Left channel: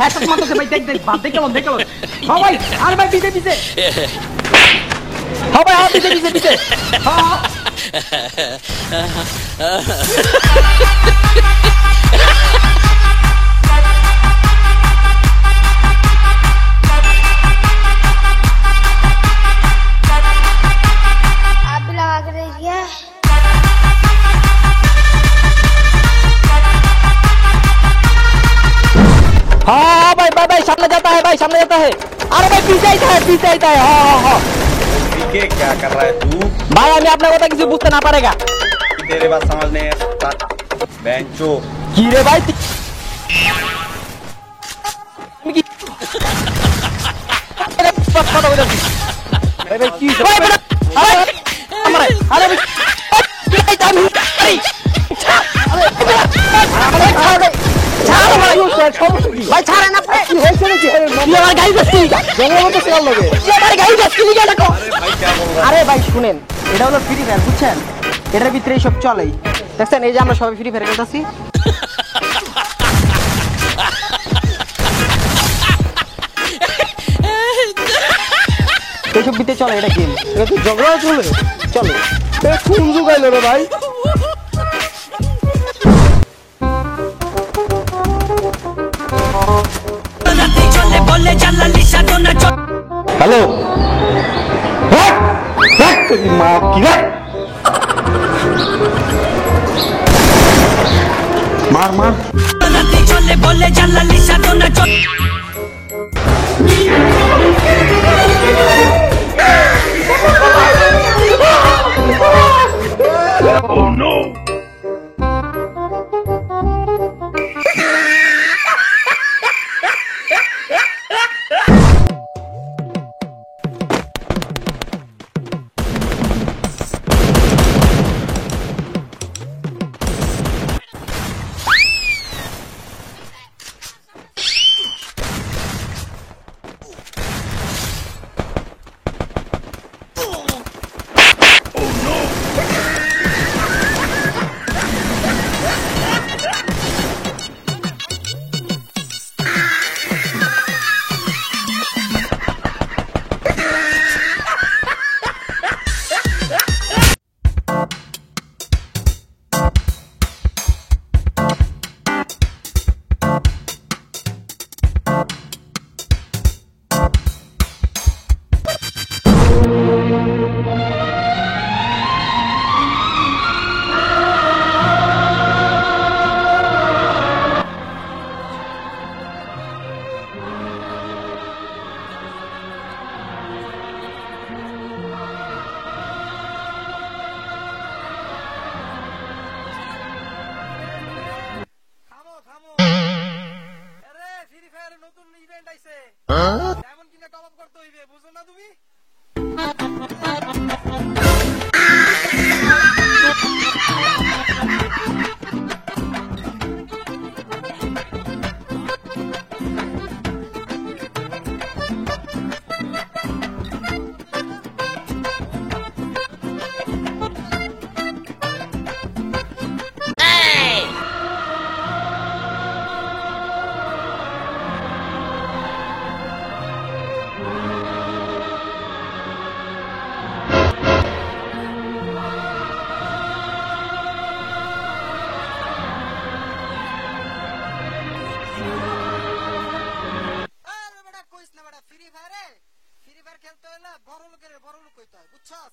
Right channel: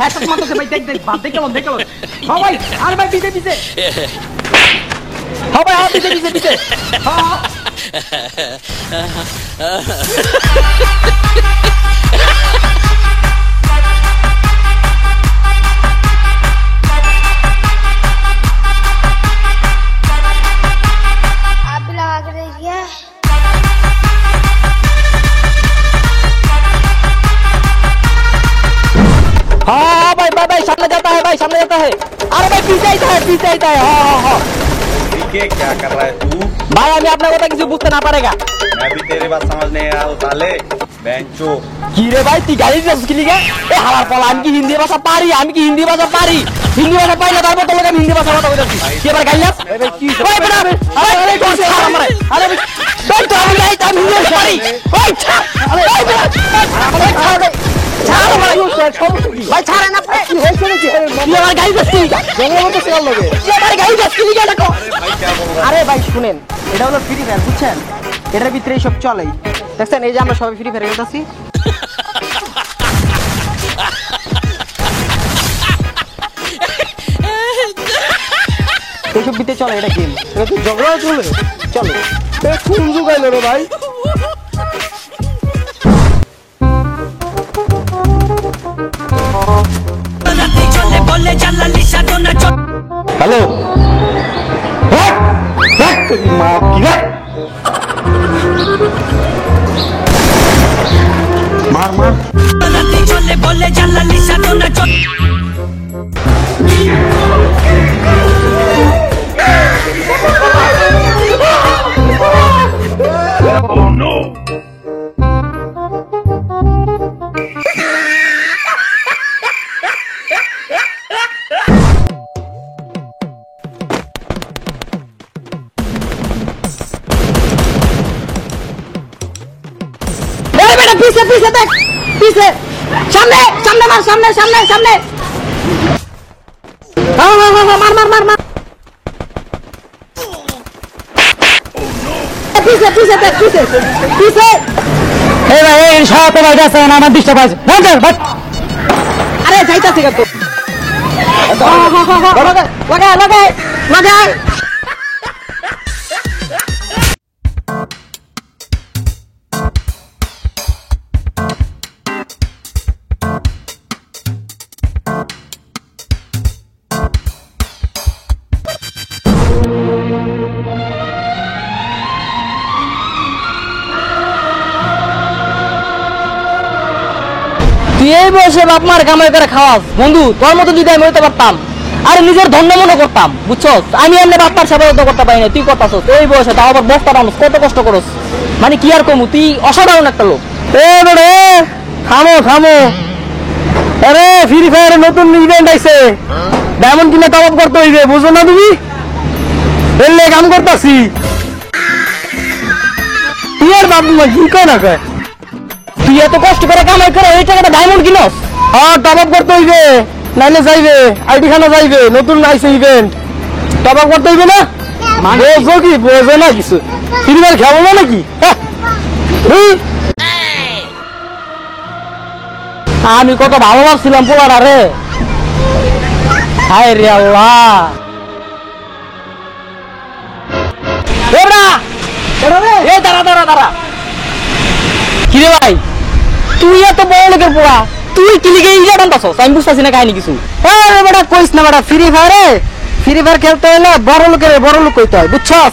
হ্যাঁ তো মারতেছে ভাই, দেখ দেখ বাদ দেখলাম দেখলাম। হ্যাঁ ভাই, আর ভাই পিছে পিছে। হ্যাঁ ভাই, হ্যাঁ পিছে পিছে পিছে। হ্যাঁ हाँ भाई भाई भाई सामने जाता है भाई, सामने जाता है। अरे भाई पीछे आता है, पीछे आता है। हाँ हाँ ठीक है, क्या कर रहा है तू? भाई हमें अपने কথা কিছু বুঝতে না পারেगा। मैं भी तेरे बात समझ नहीं आ रहा साले बेंचो। কি রে ভাই তুই গাড়ি শিখলি কে? এ হালার পলা, আমি কি হিন্দি ভাষা পারি? আমি কি হিন্দি ভাষা পারি? হিন্দি ভাষা পারি না, তারপর তোকে হিন্দি ভাষা কথা বলছিস। কি এবার গাইলা? ভাই ভাই কি? ভাই বড় আরে আরে কোন সারা মারে? আরে ভাই তো আমি গাই আমি হিন্দি পারি। ওই ছা আরে আরে ছাড় দে। ছাড় ভাই ভাই ছাড়ে না ভাই। কি হইছে নাকি? কি আমার গাড়ি যাচ্ছি? জঙ্গলের মধ্যে চল লাগে। কি আমার গাড়ি যাচ্ছি কি দেখো? भाई क्या बोल रहा है? আরে ভাই শুনেন, এটা হলো ফ্রি ফায়ার বুঝছেন? এটার ভিতরেই সব চলে। দেখছেন এই যে আমরা সবাই ফ্রি ফায়ার খেলতেছি। এইসব ভিতরে চলে, এটা গেম। এটা তো ঝগড়া চলে চলে। কোন যুগাইল রে ভাই? হ্যালো মা কি রে? মার মার চলে বলে জানলা লিসা তো না চল। Oh no! पीछे पीछे देख, पीछे सामने सामने मार, सामने सामने सामने। हाँ हाँ हाँ मार मार मार मार। पीछे पीछे देख, पीछे पीछे। ए भाई इंशाल्लाह तो वजह से ना डिस्टर्ब है ना कर बस। अरे जाइता सिगा तो। हाँ हाँ हाँ लगा लगा लगा। এই বয়সে বাপ মার কামাই করে খাওয়াস বন্ধু, তোর মতো যদি আমি হইতে পারতাম আর নিজের ধন্য মনে করতাম বুঝছস। আমি এমনি বাপ মার সেবা করতে পারি না, তুই করতাছস এই বয়সে, তাও আবার বস্তা টানুস, কত কষ্ট করস। মানে কি আর কমু, তুই অসাধারণ একটা লোক। এ বড়ে থামো থামো। আরে ফ্রি ফায়ারে নতুন ইভেন্ট আইছে, ডায়মন্ড কিনে টপ আপ করতে হইবে, বুঝো না তুমি? এলে কাম করতাছি। তুই আর বাবু কি কয় না কয়? তুই এত কষ্ট করে কামাই করে এই টাকাটা ডায়মন্ড কিনস? হ্যাঁ টপ আপ করতে হইবে, নাইলে যাইবে আইডি খানা যাইবে, নতুন আইছে ইভেন্ট, টপ আপ করতে হইবে না? বোঝো কি বোঝো না কিছু? ফ্রি ফায়ার খেলো না নাকি? আমি কত ভালো ভাবছিলাম পোলারা রে। হায় রে আল্লাহ। দাঁড়া দাঁড়া দাঁড়া। কিরে ভাই তুই এত বড় লোকের পোড়া, তুই কি লিগে ইলিয়া বান্ধাছস? আমি বুঝতেছি না কাহিনী কিছু। বেটা কইস না বেটা, ফ্রি ফায়ারে ফ্রি ফায়ার খেলতে হলে বড় লোক কইতে হয় বুঝছস?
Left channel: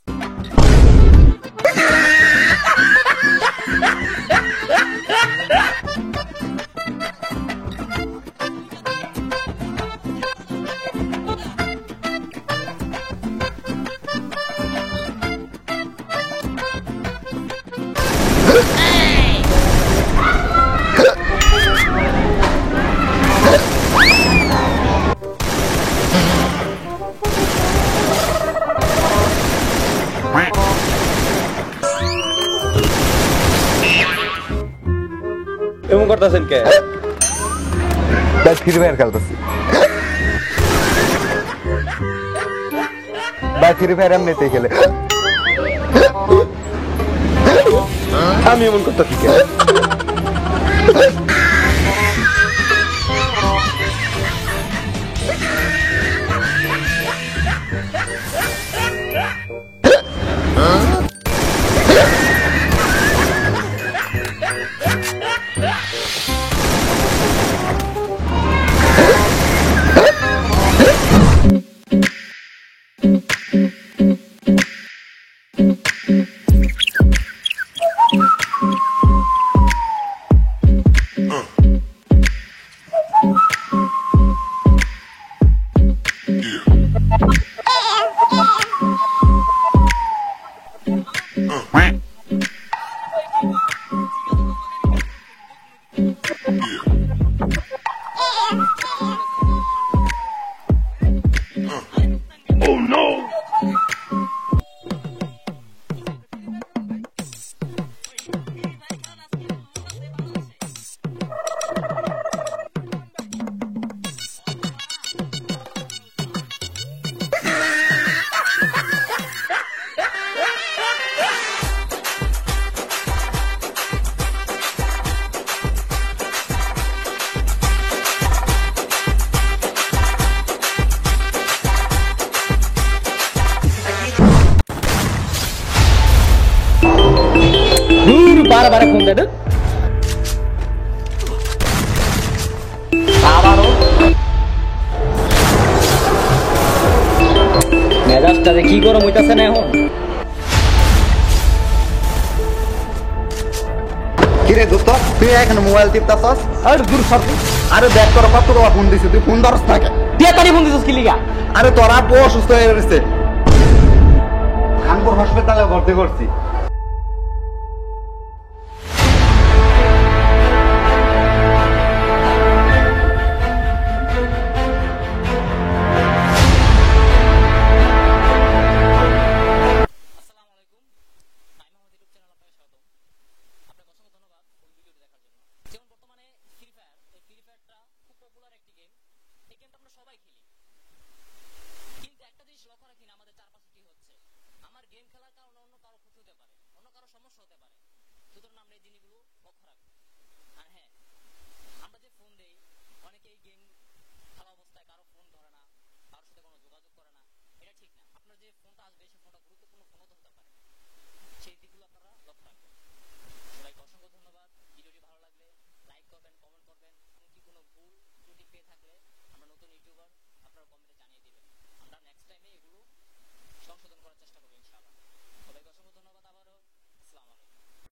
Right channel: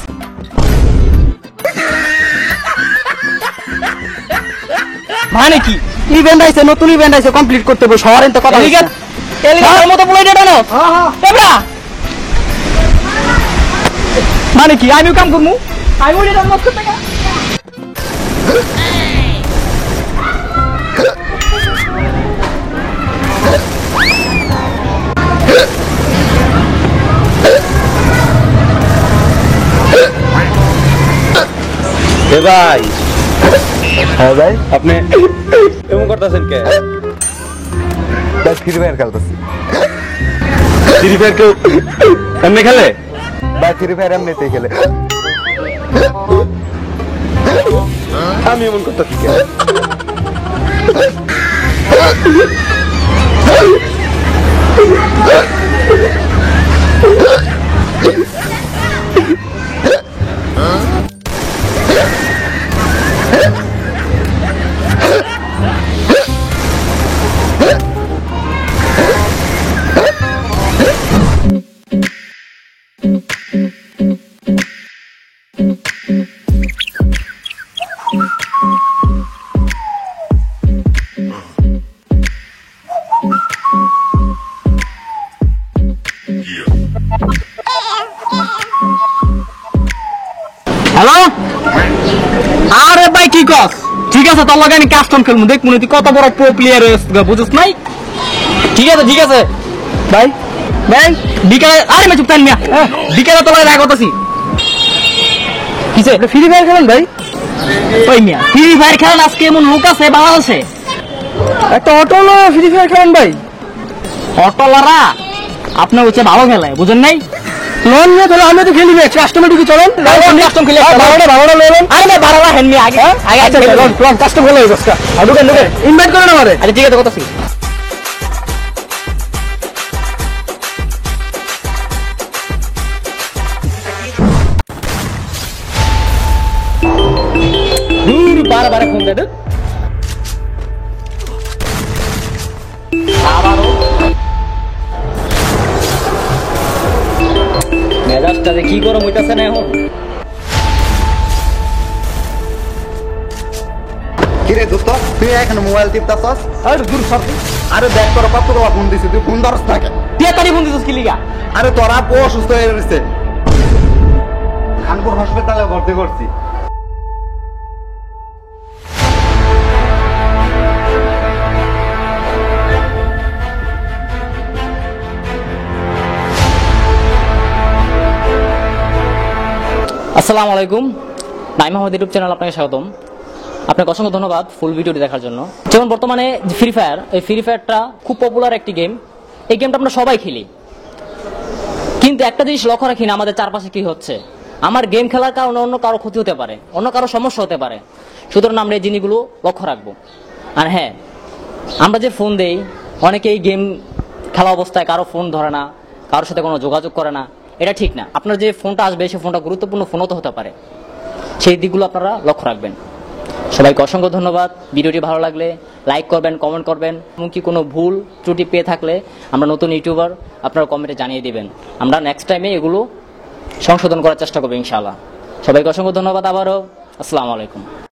মানে কি ইভেন্ট আইছে, নতুন ইভেন্ট আইছে, কমপ্লিট করতে হবে শহরে তো কথা। ঠিক আছে এলিগার মতো বলে দেটা না। এবড়া মানে কি আমিও কাম করমু? আমি ওরে কাম করতে টাকা। ভাই হ্যাঁ ভাই আপনি এমন করতেছেন কে? ভাই ফ্রি ফায়ার খেলতেছি। ফ্রি ফায়ার কেউ এমনি খেলে? ভাই ফ্রি ফায়ার এমনিতেই খেলে। আমি এমন করতেছি কে? হ্যালো, আরে ভাই কি কস? ঠিক আছে, তোর লগে আমি কাস্টম খেলবো, দেখ মনে তুই কত বড় প্রো প্লেয়ার হয়েছিস, বুঝছ নাই? ঠিক আছে ভাই, ভাই বিকালে, আরে মে চুপ থাক মিয়া, বিকালে তোর লগে দেখা করতেছি। কিসে ফ্রি ফায়ার খেলেন ভাই? ওই মিয়া ফ্রি ফায়ার খেলেন, আজকে এমন লোক আছে বাংলাদেশে একটা অটোলো ফ্রি ফায়ার খেলেন ভাই। অটোলারা আপনার হচ্ছে ভালো খেলায়, বুঝেন নাই? লোন নিয়ে তাহলে আমি তো খেলি না, কাস্টমার ঢুকে চলেন, কাস্টম খেলে ভাড়াটা লেলেন। আরে ভাই ভাড়াটা হেন নি আগে কাস্টম খেলে বসকা আর ঢুকেন ইনভাইট করেন আমারে। আরে ঠিক আছে, কথা ঠিক। দূর বারবার ফোন দেন আবারও মেজাজটাতে কি গরম হইতাছে না এখন। কিরে দোস্ত, তুই এখন মোবাইল টিপতাছস? আরে দূর সর, আরে দেখ তোর কত কথা ফোন দিছি, তুই ফোন ধরস না কেন? তাড়াতাড়ি ফোন দিছিস কি লিগা? আরে তোর আপু অসুস্থ হয়ে গেছে, খানপুর হাসপাতালে ভর্তি করছি। আসসালামু আলাইকুম, নাইম আহমেদ ইউটিউব চ্যানেল আপনাকে স্বাগতম। আপনাকে অসংখ্য ধন্যবাদ ফুল ভিডিওটি দেখার জন্য। যেমন বর্তমানে ফ্রি ফায়ার, এই ফ্রি ফায়ারটা খুব পপুলার একটি গেম। এই গেমটা আমরা সবাই খেলি, কিন্তু একটা জিনিস লক্ষ্য রাখি না আমাদের চারপাশে কি হচ্ছে। আমার গেম খেলার কারণে অন্য কারো ক্ষতি হতে পারে, অন্য কারো সমস্যা হতে পারে, সুতরাং আমরা এই জিনিসগুলো লক্ষ্য রাখবো। আর হ্যাঁ, আমরা যে ফোন দেই, অনেকেই গেম খেলা অবস্থায় কারো ফোন ধরে না, কারোর সাথে কোনো যোগাযোগ করে না, এটা ঠিক না। আপনার যে ফোনটা আসবে সেই ফোনটা গুরুত্বপূর্ণ ফোনও তো হতে পারে, সেই দিকগুলো আপনারা লক্ষ্য রাখবেন। সবাইকে অসংখ্য ধন্যবাদ। ভিডিওটি ভালো লাগলে লাইক করবেন, কমেন্ট করবেন, এমনকি কোনো ভুল ত্রুটি পেয়ে থাকলে আমরা নতুন ইউটিউবার, আপনারা কমেন্টে জানিয়ে দিবেন। আমরা নেক্সট টাইমে এগুলো সংশোধন করার চেষ্টা করবো ইনশাআল্লাহ। সবাইকে অসংখ্য ধন্যবাদ আবারও। আসসালামু আলাইকুম।